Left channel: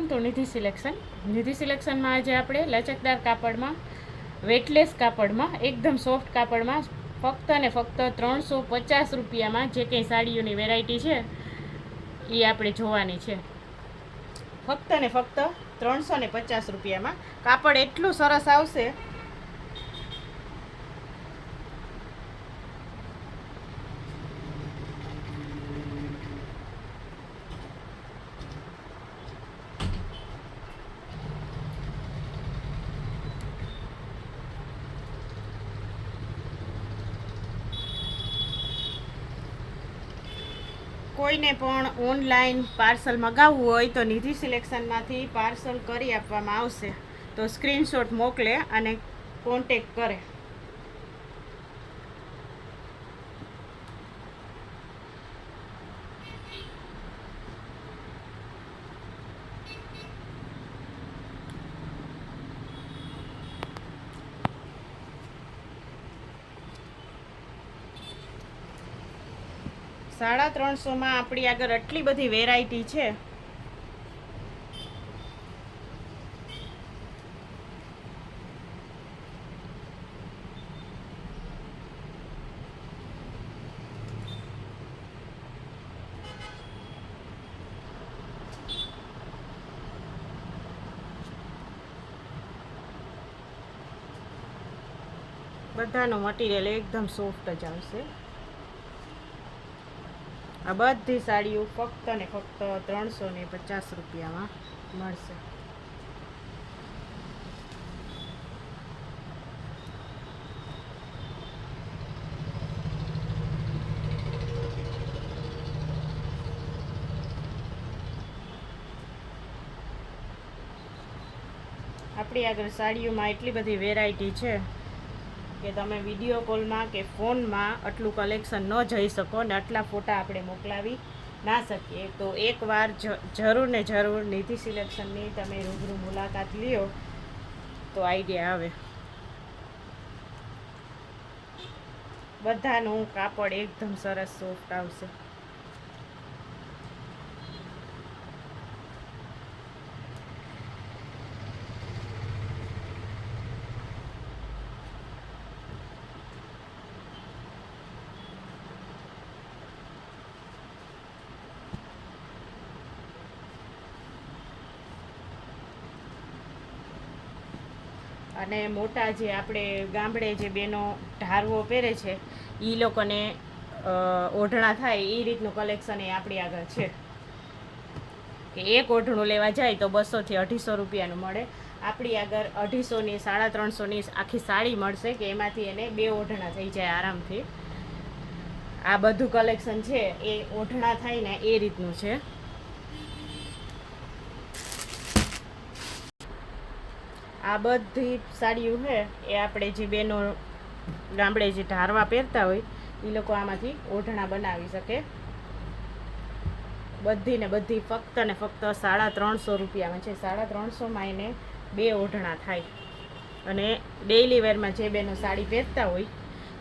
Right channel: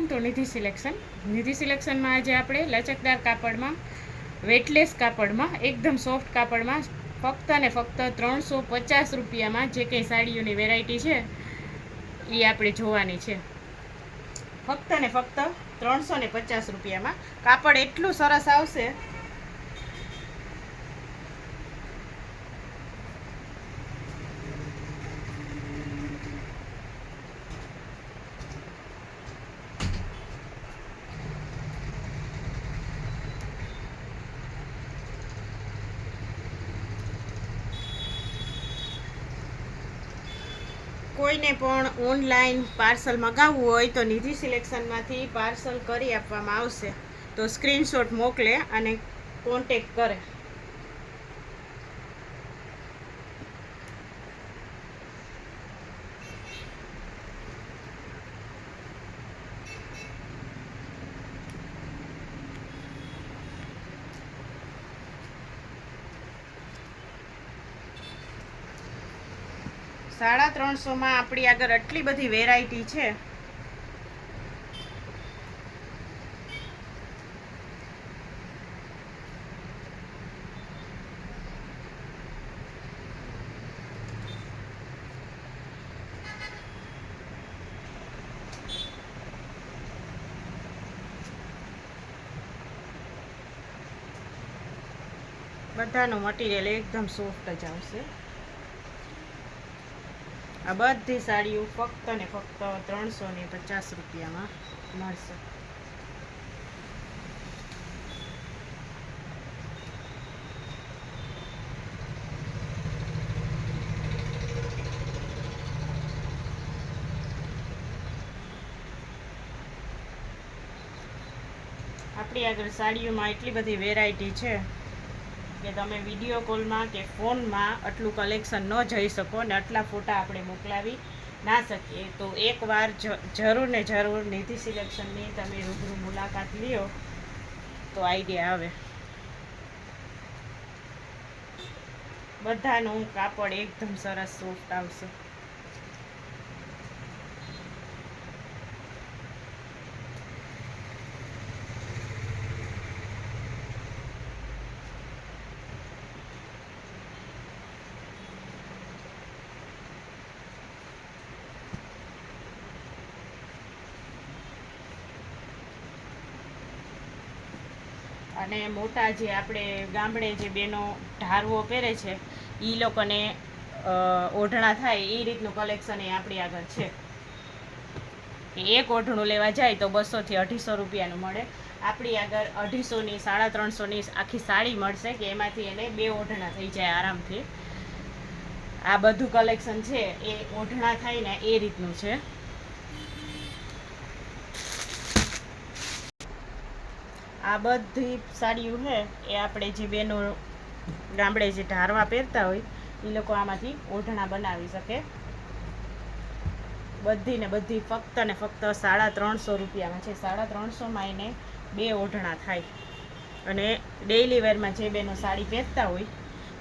Welcome to Nidhi selection. નિધિ સિલેક્શનમાં આજે આપણે લચકદાર કાપડમાં, વેટલેસ કાપડમાં, એકદમ સોફ્ટ કાપડમાં ફક્ત ને ફક્ત 350 રૂપિયામાં જે કંઈ સાડીઓની વેરાયટી છે એ આપણે જોવાની છે. ફક્ત ને ફક્ત 350 રૂપિયામાં કાપડ એટલું સરસ આવશે. કોઈને પણ ઓનલાઈન પાર્સલ મગાવવું હોય તો નિધિ સિલેક્શનમાંથી પાર્સલ કરી આપવામાં આવશે. તો સ્ક્રીનશોટ મોકલે અને કોન્ટેક કરે. $350 આપણી આગળ આટલી બધી વેરાયટી છે. બધાનું મટીરિયલ એકદમ સોફ્ટ જ આવશે. આ બધી સાડીઓ ફક્ત ને ફક્ત 350 રૂપિયામાં મળશે. આપણી આગળ સાડીઓમાં એટલી બધી વેરાયટી છે કે તમે વિડીયો કોલમાં કે ફોનમાં આટલું કલેક્શન ન જઈ શકો ને આટલા ફોટા આપણે મોકલાવી ના શકીએ. તો એકવાર જરૂર ને જરૂર નિધિ સિલેક્શનની તમે રૂબરૂ મુલાકાત લ્યો તો આઈડિયા આવે. બધાનું કાપડ એકદમ સરસ સોફ્ટ આવશે. અને મોટા જે આપણે ગામડે જે બેનો ઢારવો પહેરે છે એ લોકોને ઓઢણા થાય એ રીતનું કલેક્શન એ આપણી આગળ છે. કે એક ઓઢણું લેવા જાય તો 200 થી 250 રૂપિયાનું મળે. આપણી આગળ 250ની 350ની આખી સાડી મળશે કે એમાંથી એને 2 ઓઢણા થઈ જાય આરામથી. આ બધું કલેક્શન છે એ ઓઢણા થાય ને એ રીતનું છે. આ બધી સાડીઓ છે એ આપણે જે બેનો ગામડે જે ઢારવા પહેરતા હોય એ લોકો આમાંથી ઓઢણા બનાવી શકે. બધી ને બધી ફક્ત ને ફક્ત 350 રૂપિયામાં છે. 350માં એને 2 ઓઢણા થાય. અને ડેઈલી વેરમાં જે બેનો સાડી પહેરતા હોય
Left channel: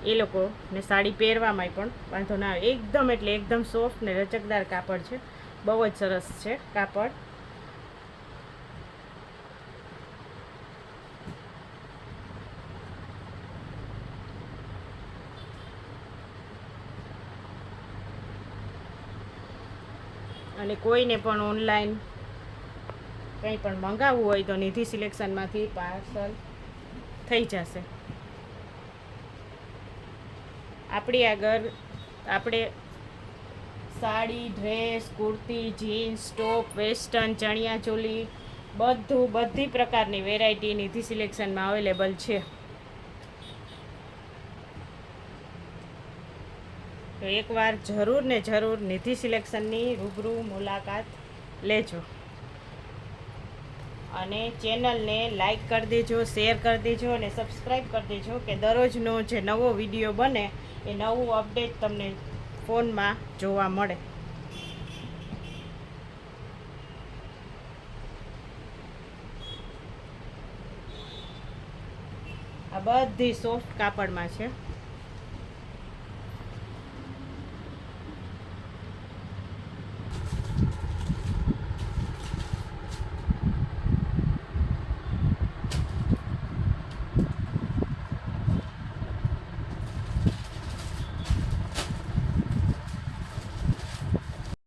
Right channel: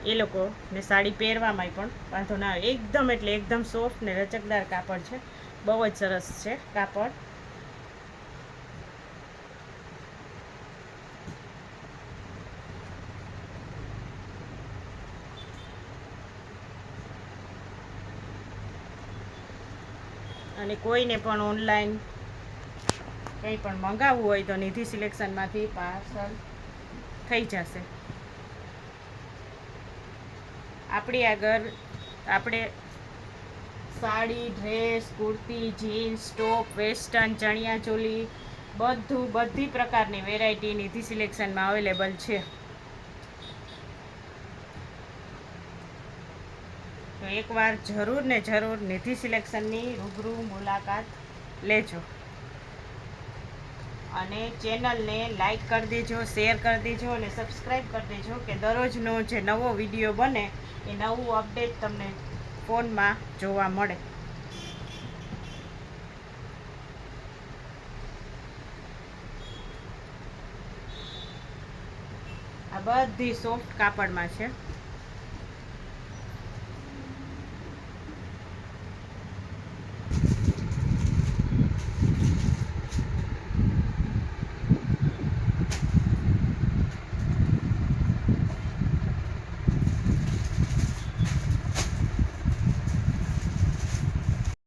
એ લોકોને સાડી પહેરવામાં પણ વાંધો ના આવે. એકદમ એટલે એકદમ સોફ્ટ ને લચકદાર કાપડ છે. બહુ જ સરસ છે કાપડ. અને કોઈને પણ ઓનલાઈન કંઈ પણ મંગાવવું હોય તો નિધિ સિલેક્શનમાંથી પાર્સલ થઈ જશે. આપણી આગળ આપણે સાડી, ડ્રેસ, કુર્તી, જીન્સ, ટોપ, વેસ્ટર્ન, ચણિયા ચોલી બધી પ્રકારની વેરાયટી નિધિ સિલેક્શનમાં અવેલેબલ છે. તો એકવાર જરૂર ને જરૂર નિધિ સિલેક્શનની રૂબરૂ મુલાકાત લેજો. અને ચેનલને લાઈક કરી દેજો, શેર કરી દેજો અને સબસ્ક્રાઈબ કરી દેજો કે દરરોજનો જે નવો વિડીયો બને એ નવું અપડેટ તમને ફોનમાં જોવા મળે. આ બધી સોફ્ટ કાપડમાં છે.